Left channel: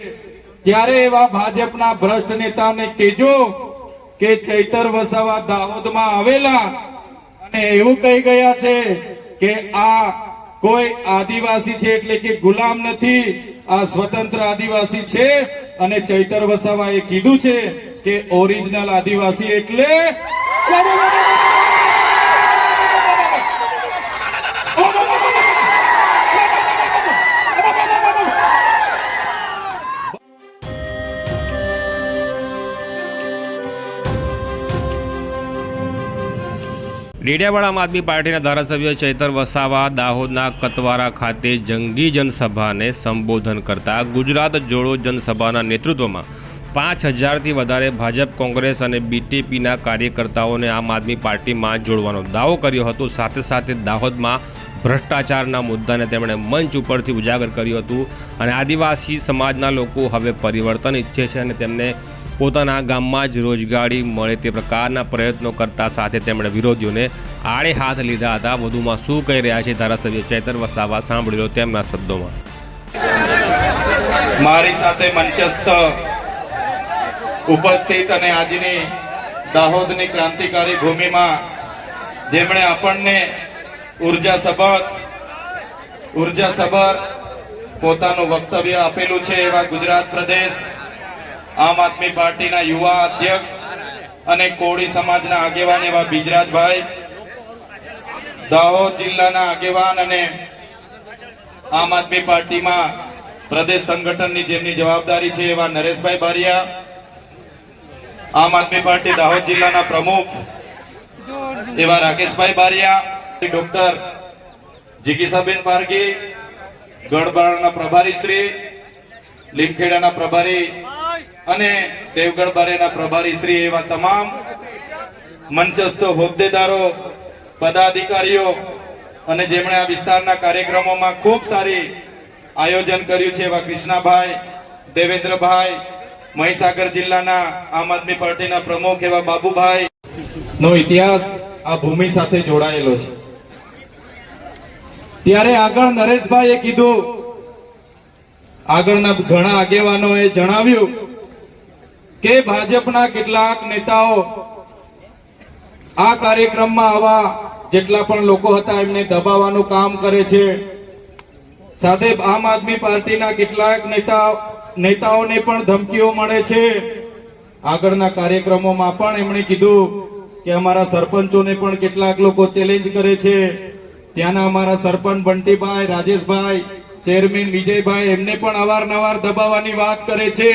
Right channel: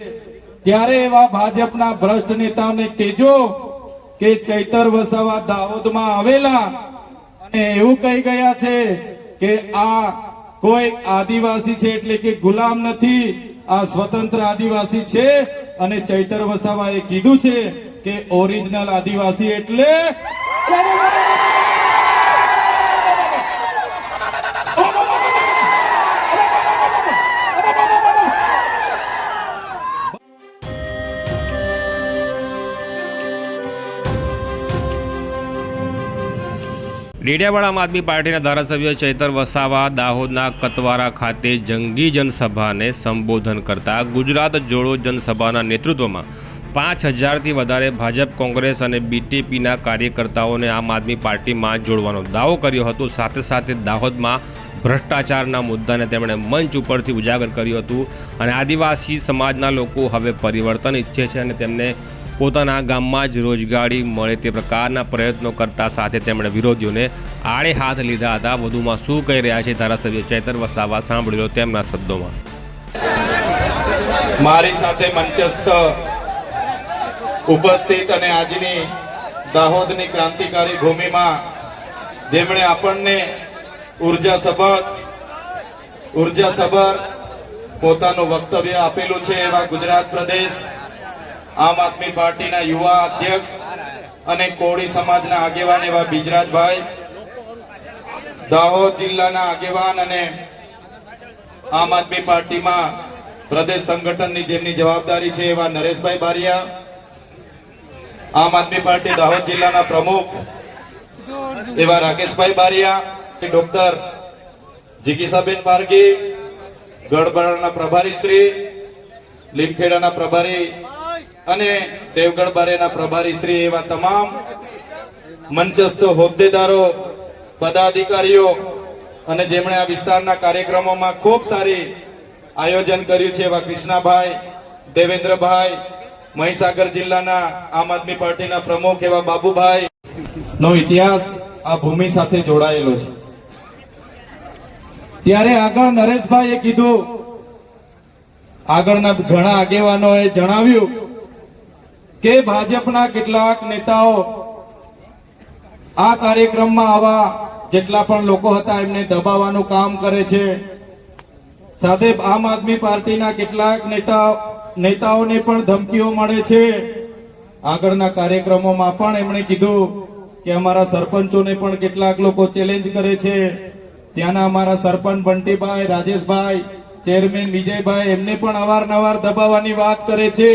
ત્યારે એવા ભાજપના ભ્રષ્ટ નેતાને કહેજો કે ચૈતર વસાવા દાહોદમાં આવેલા અને એવું કહી ગયા છે કે આ કોઈ આદિવાસી છે એટલે કે ગુલામ નથી, આ સ્વતંત્ર આદિવાસી છે અને ચૈતર વસાવાએ કીધું છે કે ઓરિજિનલ આદિવાસી એટલે ડેડિયાપાડા આમ આદમી પાર્ટીના ધારાસભ્ય ચૈતર વસાવા દાહોદના કતવારા ખાતે જંગી જનસભાને સંબોધન કરતા ગુજરાત જોડો જનસભાના નેતૃત્વમાં 5000થી વધારે ભાજપ, કોંગ્રેસ અને બીટીપીના કાર્યકર્તાઓને આમ આદમી પાર્ટીમાં જોડવાનો દાવો કર્યો હતો। સાથે સાથે દાહોદમાં ભ્રષ્ટાચારના મુદ્દાને તેમણે મંચ ઉપરથી ઉજાગર કર્યું હતું અને આદિવાસી સમાજના લોકો હવે પરિવર્તન ઈચ્છે છે અને તેમને પોતાના ગામમાં જ રોજગારી મળે તે પ્રકારના પ્રયત્નો કરતા સાથે તેમણે વિરોધીઓને આડે હાથ લીધા હતા। વધુમાં શું કહી રહ્યા છે ધારાસભ્ય ચૈતર વસાવા, સાંભળી લો તેમના શબ્દોમાં। મારી સાથે મંચસ્થ ઉપસ્થિત અને આજની દાહોદની ક્રાંતિકારી ભૂમિમાં જેમણે આપણને ઉર્જાસભર પોતાનું વક્તવ્ય આપેલું છે એવા ગુજરાત પ્રદેશ આમ આદમી પાર્ટીના યુવા અધ્યક્ષ અને કોળી સમાજના આગેવાન એવા બિજરાજભાઈ, દાહોદ જિલ્લાના આગેવાન અને આમ આદમી પાર્ટીમાં પ્રદેશ સંગઠનની જેમની જવાબદારી છે એવા નરેશભાઈ બારિયા, આમ આદમી પાર્ટી દાહોદ જિલ્લાના પ્રમુખ એવા રાકેશભાઈ બારિયા, ડોક્ટર જીગીસાબેન પારગી, ગઢબારાના પ્રભારી શ્રી, લીમખેડાના પ્રભારી અને દેવગઢ બારેના પ્રભારી શ્રી એવા તમામ મંચસ્થ હોદ્દેદારો, પદાધિકારીઓ અને જેમણે આ વિસ્તારના કાર્યક્રમોમાં ખૂબ સારી આયોજન કર્યું છે એવા કૃષ્ણાભાઈ, દેવેન્દ્રભાઈ, મહીસાગર જિલ્લાના આમ આદમી પાર્ટીના પ્રમુખ એવા બાબુભાઈ નો ઇતિહાસ આ ભૂમિ સાથે જોડાયેલો છે। ત્યારે આગળ નરેશભાઈએ કીધું, આગળના ઘણા આગેવાનોએ જણાવ્યું કે ભાજપના કેટલાક નેતાઓ આ કાર્યક્રમમાં આવા જેટલા પણ લોકો હતા એમને દબાવવાનું કામ કરે છે, સાથે આમ આદમી પાર્ટીના કેટલાક નેતાઓને પણ ધમકીઓ મળે છે। આગળના કાર્યક્રમોમાં પણ એમણે કીધું કે અમારા સરપંચોને પણ કેટલાક લોકો ચેલેન્જ કરે છે, ત્યાંના અમારા સરપંચ બંટીભાઈ, રાજેશભાઈ, ચેરમેન વિજયભાઈ એમને પણ અવારનવાર દબાવવાની વાત કરે છે।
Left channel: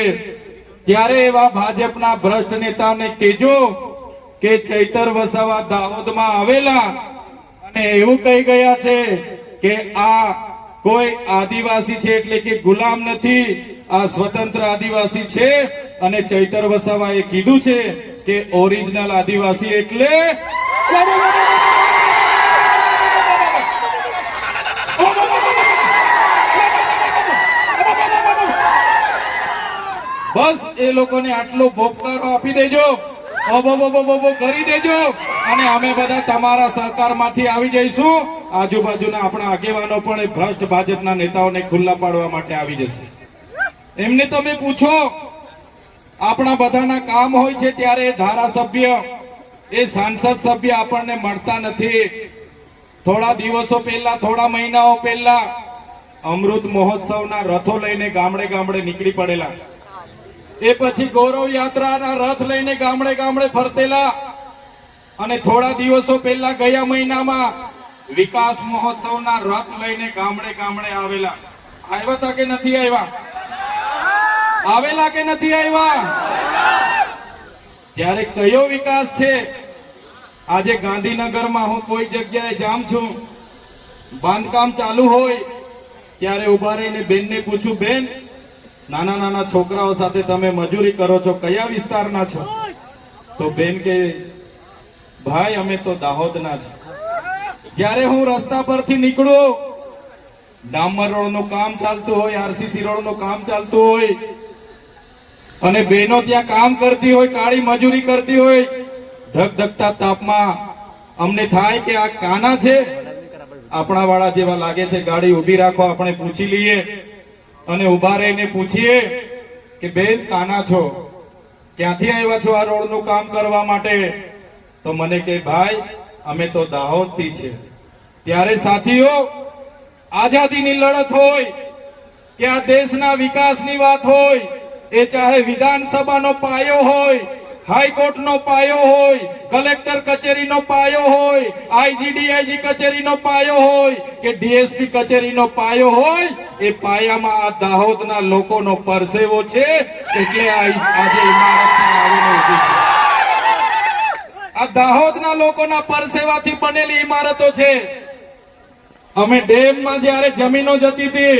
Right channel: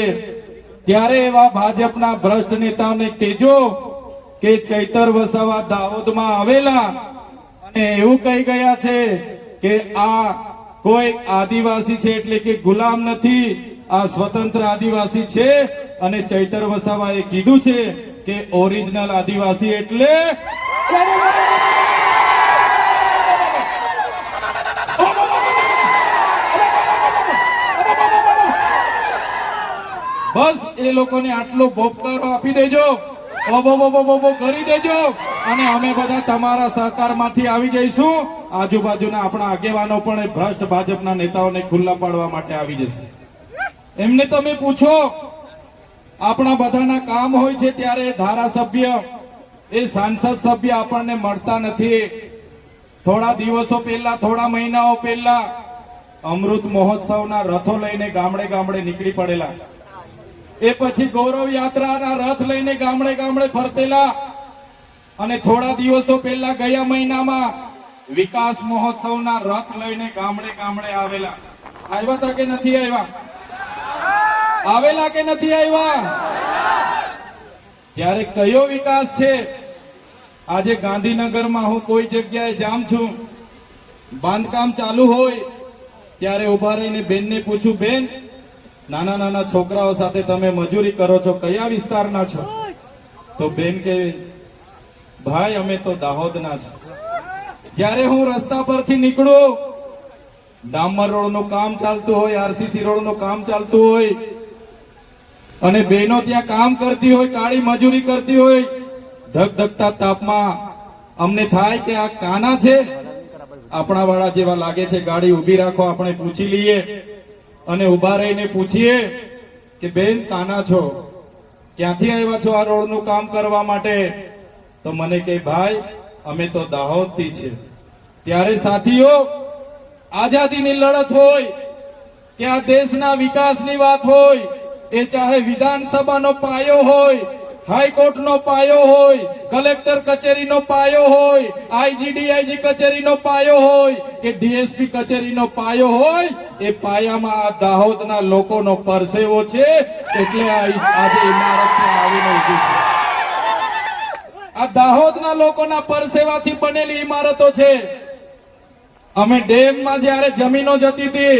ત્યારે એવા ભાજપના ભ્રષ્ટ નેતાને કહેજો કે ચૈતર વસાવા દાહોદમાં આવેલા અને એવું કહી ગયા છે કે આ કોઈ આદિવાસી છે એટલે કે ગુલામ નથી, આ સ્વતંત્ર આદિવાસી છે અને ચૈતર વસાવાએ કીધું છે કે ઓરિજિનલ આદિવાસી એટલે બસ એ લોકોને આટલો ભોપકારો આપી દેજો, ઓબો કરી દેજો અને અમે બધા તમારા સહકારમાંથી આવી જઈશું। આજુબાજુના આપણા આગેવાનો પણ એ ભ્રષ્ટ ભાજપના નેતાઓને ખુલ્લા પાડવા માટે આવી જશે। એમને તમે પૂછો, આપણા બધાના કામ હોય છે ત્યારે ધારાસભ્ય, એ સાંસદ સભ્ય આપણને મળતા નથી। થોડા દિવસો પહેલા, થોડા મહિનાઓ પહેલા અમૃત મહોત્સવના રથો લઈને ગામડે ગામડે નીકળી પડેલા, એ પછી ગૌરવ યાત્રાના રથ લઈને ગામડે ગામડે ફરતેલા અને થોડા દિવસો પહેલા ગયા મહિનામાં વિકાસ મહોત્સવના રથ લઈને ગામડે ગામડે આવેલા। આવ્યા હતા કે નથી આવ્યા? આવેલા કે નથી આવ્યા? ત્યારે કયો વિકાસ છે? આજે ગાંધીનગરમાં હું કોઈ જગ્યાએ જામ છું, બાંધકામ ચાલુ હોય ત્યારે ઉભા રહીને બેનને પૂછું, બેન નાના નાના છોકરાઓ સાથે તમે મજૂરી કરો છો, કયા વિસ્તારના છો? તો બેન કે ભાઈ અમે તો દાહોદના છે। જ્યારે હું રસ્તા પરથી નીકળું, ડામર રોડનું કામ ચાલતું હોય, આરસીસી રોડનું કામ ચાલતું હોય અને બહેનો ત્યાં કામ કરતી હોય, કાળી મજૂરી કરતી હોય, ધગધગતા તાપમાં અમને થાય કે આ કાના છે, આપણા વાળા જેવા લાગે છે, ગાડી ઉભી રાખો, આપણે પૂછી લઈએ અને ઉભા રહીને પૂછીએ કે બેન કાના છો, ક્યાંથી આવ્યા છો આ રોડનું કામ કરવા માટે? તો મને કે ભાઈ અમે તો દાહોદથી છે. ત્યારે સાથીઓ, આઝાદીની લડત હોય કે આ દેશના વિકાસની વાત હોય, એ ચાહે વિધાનસભાનો પાયો હોય, હાઈકોર્ટનો પાયો હોય, કલેક્ટર કચેરીનો પાયો હોય, આઈજીડીઆઈજી કચેરીનો પાયો હોય કે ડીએસપી કચેરીનો પાયો હોય, એ પાયામાં આ દાહોદના લોકોનો પરસેવો છે. એટલે આજે ઇમારત આવીને ઊભી છે. આ દાહોદના લોકોના પરસેવાથી બનેલી ઇમારતો છે. અમે ડેમમાં જ્યારે જમીનો જતી હતી,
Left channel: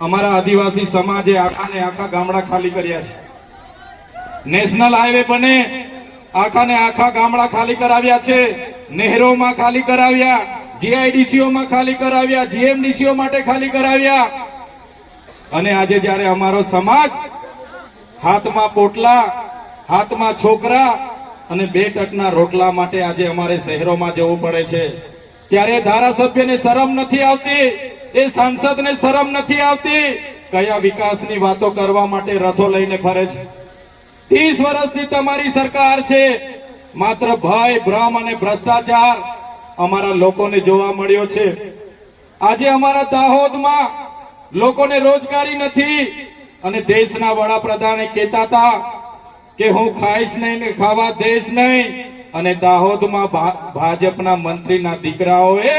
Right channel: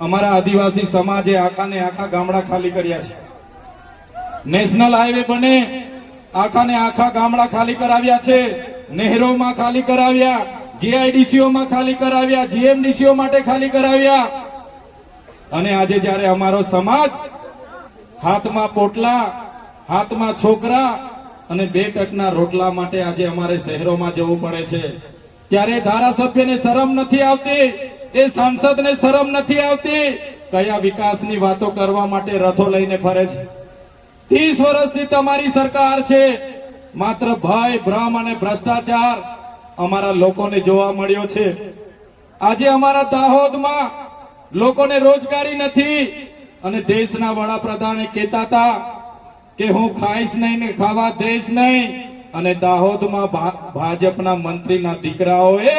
અમારા આદિવાસી સમાજે આખા ને આખા ગામડા ખાલી કર્યા છે. નેશનલ હાઈવે બને, આખા ને આખા ગામડા ખાલી કરાવ્યા છે. નહેરોમાં ખાલી કરાવ્યા, જીઆઈડીસીઓમાં ખાલી કરાવ્યા, જીએમડીસીઓ માટે ખાલી કરાવ્યા. અને આજે જ્યારે અમારો સમાજ હાથમાં પોટલા, હાથમાં છોકરા અને 2 ટકના રોટલા માટે આજે અમારે શહેરોમાં જવું પડે છે, ત્યારે ધારાસભ્યને શરમ નથી આવતી, એ સાંસદને શરમ નથી આવતી. કયા વિકાસની વાતો કરવા માટે રથો લઈને ફરે છે? 30 વર્ષથી તમારી સરકાર છે. માત્ર ભય, ભ્રમ અને ભ્રષ્ટાચાર અમારા લોકોને જોવા મળ્યો છે. આજે અમારા દાહોદમાં લોકોને રોજગારી નથી. અને દેશના વડાપ્રધાને કહેતા હતા કે હું ખાઈશ નહીં ને ખાવા દઈશ નહીં. અને દાહોદમાં ભાજપના મંત્રીના દીકરાઓએ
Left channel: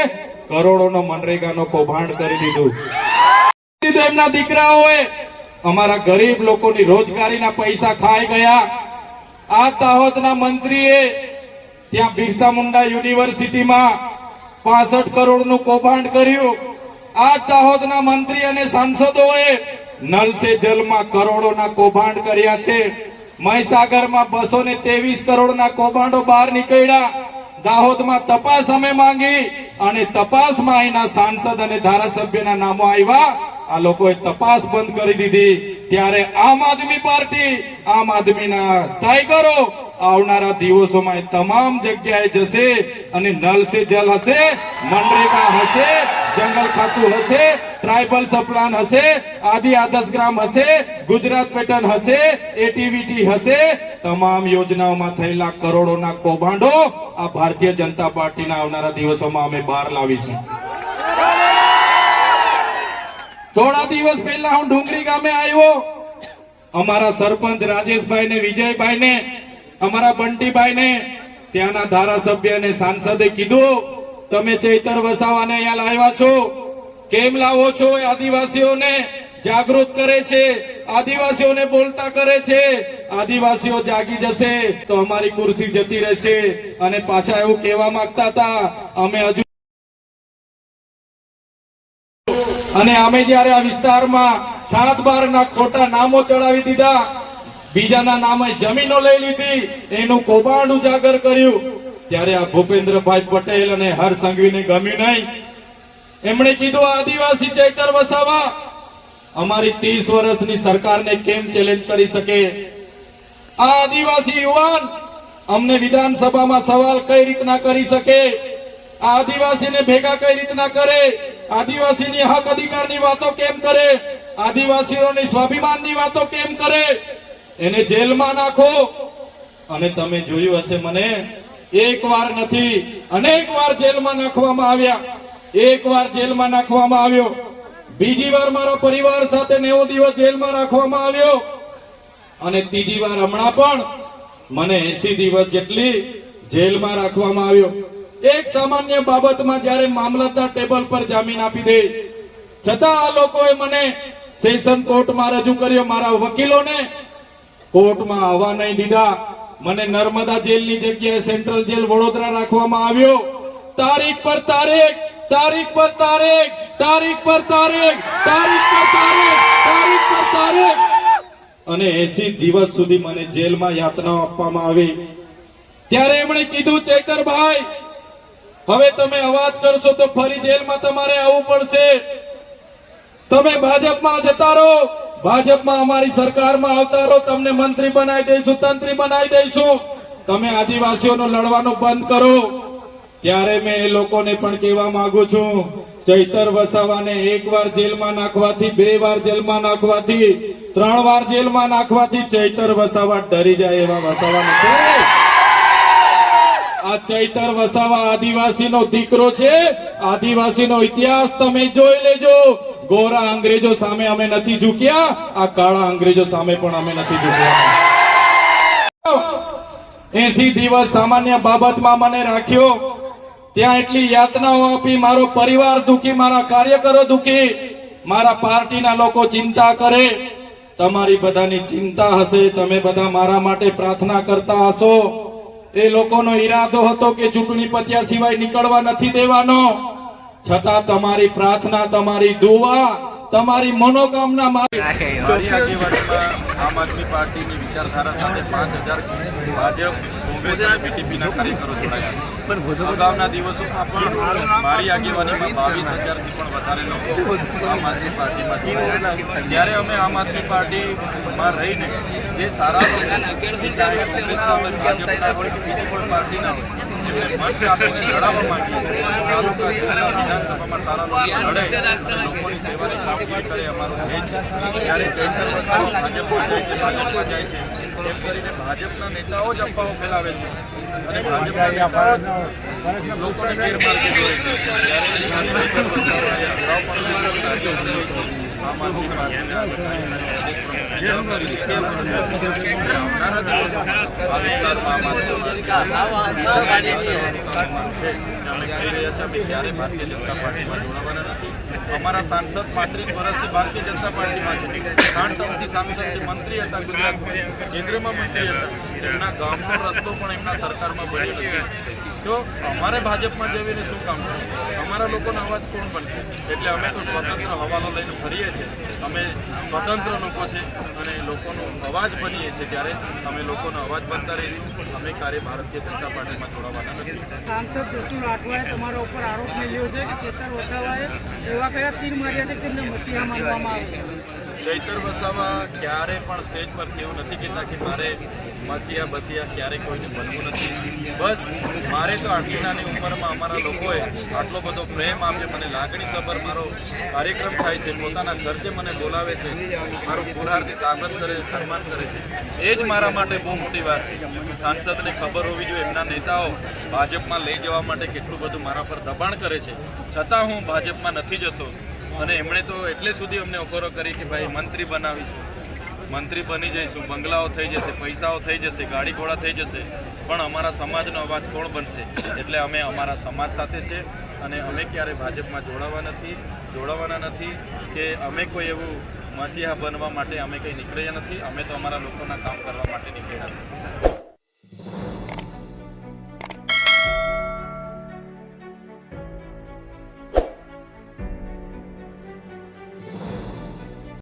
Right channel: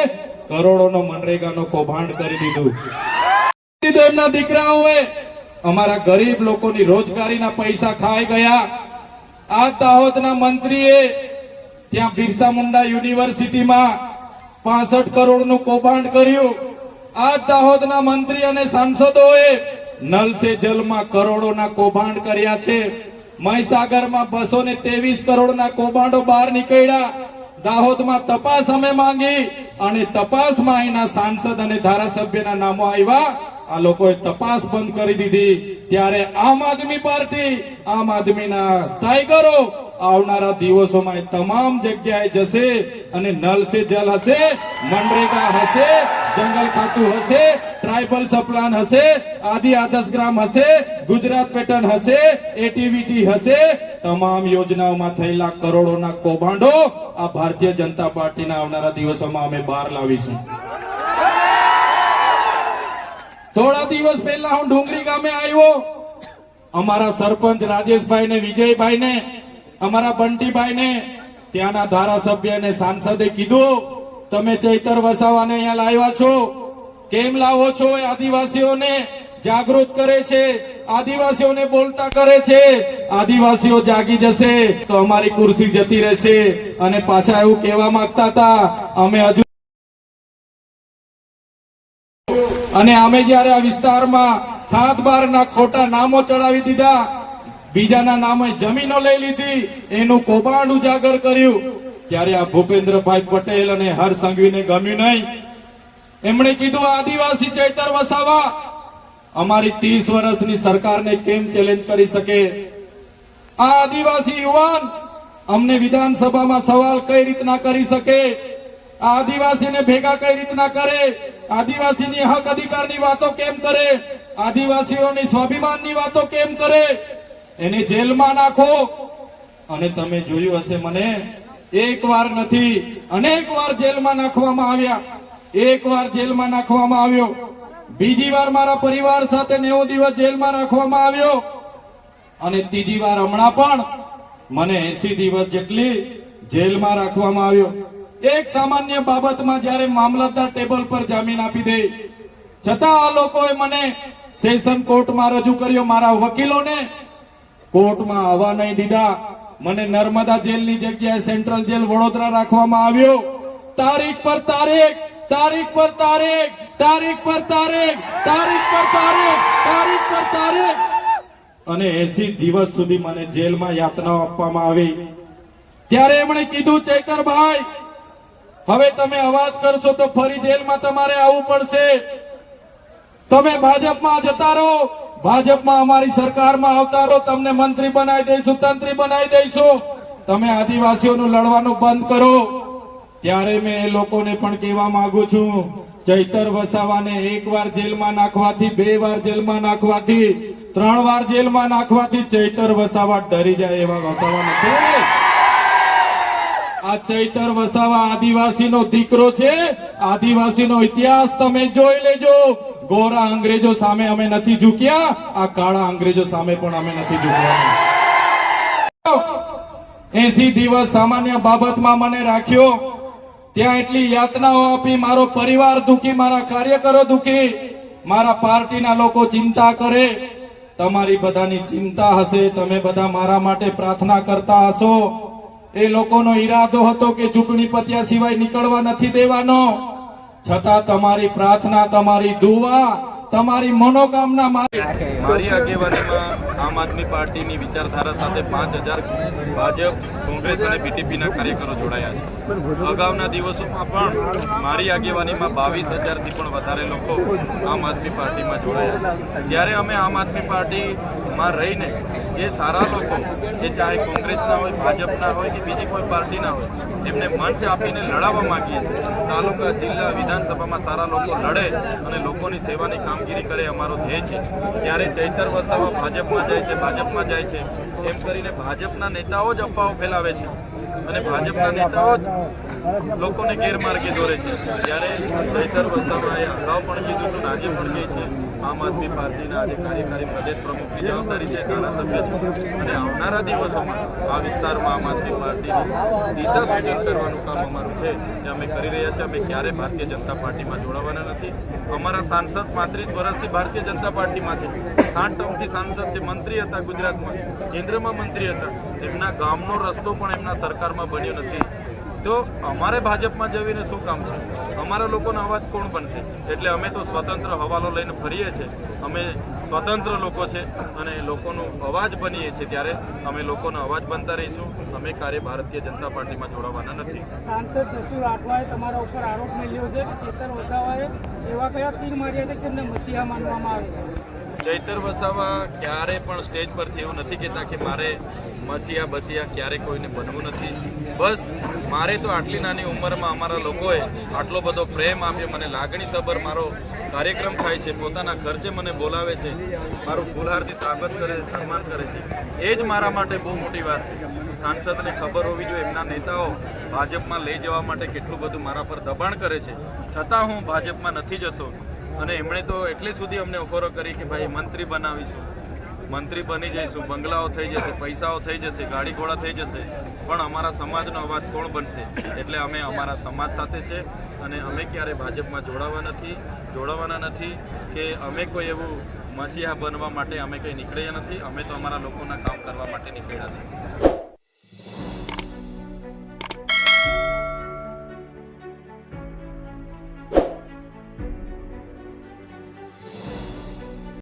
કરોડોનો મનરેગાનો કૌભાંડ કરી દીધું. એમના દીકરાઓએ અમારા ગરીબ લોકોની રોજગારીના પૈસા ખાઈ ગયા. આ દાહોદના મંત્રીએ ત્યાં બિરસા મુંડા યુનિવર્સિટીમાં 65 કરોડનું કૌભાંડ કર્યું. આ દાહોદના મંત્રી અને સાંસદોએ નલ સે જલમાં કરોડોના કૌભાંડ કર્યા છે. મહીસાગરમાં 223 કરોડના કૌભાંડો બહાર નીકળ્યા. દાહોદમાં તપાસ અમે માંગી અને તપાસમાં અહીંના સાંસદ અને ધારાસભ્યના નામો આવ્યા. આ લોકોએ તપાસ બંધ કરી દીધી. ત્યારે આમ આદમી પાર્ટી, આમ આદમીના ટાઈગરો આવનારા દિવસોમાં તમામ જગ્યાએ જશે અને નલ સે જલ હશે, મનરેગા હશે, જંગલ ખાતું હશે, ટ્રાઇબલ સપ્લાન હશે, આદિ આદર્શ ગ્રામ હશે, ગુજરાત પેટર્ન હશે, એટીવીટી હશે. તમામ યોજનાઓમાં થયેલા કરોડોના કૌભાંડો આ ભારતીય જનતા પાર્ટીના આવનારા દિવસોમાં અમે બહાર લાવીશું. થોડા દિવસ પહેલા હું ડુંગરી ગામે આવ્યો. અમારા સરપંચ રાજેશભાઈ ને વિજયભાઈ ને, અમારા બંટીભાઈ ને, ત્યાંના ધારાસભ્ય અને સાંસદે કીધું તમે ચૈતર વસાવાને અહીંયા લાવ્યા છો, કેમ લાવો છો? એ આદિવાસીઓને જાગૃત કરે છે, આદિવાસીઓને બોલતા કરે છે. આદિવાસીઓ જાગી જશે તો અમારી ખુરશી જતી રહેશે. અને પાછા એવું કહેવા માંગતા હતા અમે હજુ, અને અમે જયારે આ વિસ્તારમાં 7-12 ના ખોટા નામો ચડાવી દીધા, બીજાના નામે જમીનો લઈ લીધી, એનું કૌભાંડ ઉજાગર કર્યું, ત્યારે આ ભૂપેન્દ્રભાઈ પટેલ અને હર્ષ સંઘવીને ગમ્યું નહીં. એમણે કીધું આદિવાસી ચૈતર વસાવા અમારી 30 વર્ષની સરકારને કેમ ચેલેન્જ કરી શકે? આ આદિવાસી યુવાન અમને વિધાનસભામાં સવાલ કઈ રીતના કરી શકે? આ આદિવાસીને ભેગા કઈ રીતના કરે? આદિવાસીની હક અધિકારની વાતો કેમ કરે? આદિવાસીઓની સ્વાભિમાનની વાતો કેમ કરે? એને જેલમાં નાખો. અને તમે જોયું હશે, મને એક વાર નથી અનેક વાર જેલમાં નાખવામાં આવ્યા. એક વાર જેલમાં નાખવામાં આવ્યો, બીજી વાર મારા પરિવાર સાથે 90 દિવસ જેલમાં રાખવામાં આવ્યો, અને ત્રીજી વાર હમણાં પણ મને 80 દિવસ જેટલી જેલમાં રાખવામાં આવ્યો. એક સામાન્ય બાબતમાં જ્યારે મામલતદાર ટેબલ પર જામીન આપી દે, છતાં આ લોકોએ મને સેશન કોર્ટમાં રજૂ કર્યો. મારા વકીલોને કોર્ટમાં આવવા નહીં દીધા. મને નર્મદા જેલની જગ્યાએ સેન્ટ્રલ જેલ વડોદરા રાખવામાં આવ્યો. તારીખ પર તારીખ, તારીખ પર તારીખ, તારીખ પર તારીખ, તારીખ પર તારીખ, તારીખ પર તારીખ, અને 80 દિવસ સુધી મને જેલમાં યાતનાઓ આપવામાં આવી. ત્યારે એમણે કીધું ચૈતરભાઈ, હવે તમે અવાજ કરશો તો ફરી જેલમાં તમારે આવવું પડશે. તમે ભાજપમાં જતા રહો, ભાજપમાં અમારી સરકારમાં આવતા રહો, તમને મંત્રી બનાવી દઈશું, તંત્રી બનાવી દઈશું. તમે આદિવાસીઓનું લડવાનું બંધ કરો. ત્યારે મેં એ લોકોને પણ કહેવા માંગુ છું, ચૈતર વસાવાને 1 વાર જેલમાં નાખવાથી, 2 વાર જેલમાં નાખવાથી 3 વાર જેલમાં નાખવાથી ચૈતર વસાવા ડરી જાય એવા વસાવા નથી. આ ચૈતર વસાવા આદિવાસીનો દીકરો છે. આદિવાસીનો ઇતિહાસ તમે જોઈ લેજો. ગોરા અંગ્રેજો સામે અમે નથી ઝૂક્યા, આ કાળા અંગ્રેજો સામે પણ અમે નથી ઝૂક્યા. 80 દિવસ સામાન્ય બાબતમાં મને રાખ્યો, ત્યાં એટલી યાતનાઓ આપી, મારો પરિવાર દુખી, મારા કાર્યકરો દુખી, મારા પાર્ટીના લોકો ચિંતા કરે. તમારી બધાની ચિંતા હશે, તમે બધા મારા માટે પ્રાર્થના કરતા હશો. એ લોકોનો ઈરાદો હતો કે ચૂંટણી પત્યા સિવાય નીકળવા નથી દેવાનો, છતાં તમારી પ્રાર્થના, તમારી દુઆ, તમારી મનોકામના મારી આગેવાનીમાં આમ આદમી પાર્ટીની વિચારધારા સાથે 5000 ભાજપ, કોંગ્રેસ અને બીટીપીના કાર્યકરો જોડાયા છે. અગાઉના દિવસોમાં પણ મારી આગેવાનીમાં 22,000થી પણ વધારે લોકો આમ આદમી પાર્ટીમાં જોડાયા છે. ત્યારે અમે આમ આદમી પાર્ટીમાં રહીને જે સારા લોકો, એ ચાહે કોંગ્રેસના હોય, ભાજપના હોય કે બીજી કોઈ પાર્ટીના હોય, એમને મંચ આપીને લડાવવા માંગીએ છીએ. તાલુકા, જિલ્લા, વિધાનસભામાં સારા લોકો લડે અને લોકોની સેવાની કામગીરી કરે, અમારો ધ્યેય છે. ત્યારે ચૈતર વસાવા ભાજપમાં જાય છે, ભાજપમાં જાય છે એમ કરીને ભાજપના નેતાઓ જ અફવાઓ ફેલાવે છે અને ભાજપના નેતાઓ જ લોકોને ગેરમાર્ગે દોરે છે. ત્યારે ચૈતર વસાવાએ અગાઉ પણ આજે મળીએ છીએ આમ આદમી પાર્ટીના આજે કાર્યકારી પ્રદેશ પ્રમુખ જવાબદારી છે. તેના સભ્યો અને આવનારા દિવસોમાં આ વિસ્તારમાં આમ આદમી પાર્ટી કરવાનું કામ અમારું છે, જે અમે કરી રહ્યા છીએ. અમે ક્યારે ભારતીય જનતા પાર્ટીમાં જોડાવાના નથી. અમારા સાંસદ 35 વર્ષથી ભારતીય જનતા પાર્ટીમાં છે, 8 ટર્મથી સાંસદ છે, મંત્રી હતા ગુજરાતમાં, કેન્દ્રમાં મંત્રી હતા. એમના ગામનો રસ્તો પણ એમના સરકારમાં બન્યો નથી. તો અમારે ભાજપમાં જઈને શું કામ છે? અમારા લોકોનો અવાજ કોણ બનશે? એટલે અમે તો સ્વતંત્ર હવાલો લઈને ફરીએ છીએ. અમે સ્વતંત્ર લોકો છે અને લોકોનો અવાજ બનીએ છીએ. ત્યારે અમે લોકોનો અવાજ બનતા રહીશું. અમે કાર્ય ભારતીય જનતા પાર્ટીમાં જોડાવાના નથી. સાંસદ જસુ રાઠવાએ તમારા ઉપર આરોપ મળ્યો છે કે ચેતર વસાવાએ એવા કયા તીર માર્યા છે કે તેમને મસીહા માનવામાં આવે છે? ચૈતર વસાવા ક્યારે પણ સ્ટેજ પરથી એવું નથી કહેતા કે મારે મસીહા બસિયા ક્યારે કોઈને બનવું નથી. બસ મારે તો આટલી નાની ઉંમરમાં અમારા લોકોએ આટલો બધો પ્રેમ આપ્યો, મને લાગણીસભર મારો કાર્યક્રમ થાય છે, પોતાના ખર્ચે મને બોલાવે છે, મારું ફુલહારથી સ્વાગત કરે, સન્માન કરે છે. એ જ મારા માટે બહુ મોટી વાત છે. સાંસદને ખબર હોવી જોઈએ એમના નેતાઓ ભાજપમાં લઈ જવા માટે કેટલું બધું મારા પર દબાણ કરે છે, છતાં હું ભાજપમાં નથી જતો. અને એમણે તો એટલે સુધી અમને ઓફરો કરી કે ભાઈ મંત્રી બનાવીશું, મંત્રી બની જઈશું, બંગલાઓ થઈ જશે, પૈસાઓ થઈ જશે, ગાડી ઘોડા થઈ જશે, પણ અમારા સમાજનો અવાજ કોણ બનશે? એટલે અમે અમારા સમાજ સાથે છે અને અમે ક્યારે ભાજપમાં જોડાવાના નથી કે અમે કોઈ એવું મસીહા બનવા માટે અમે કંઈ નીકળ્યા નથી. અમે તો અમારા લોકોના કામ કરવા માટે નીકળ્યા છીએ.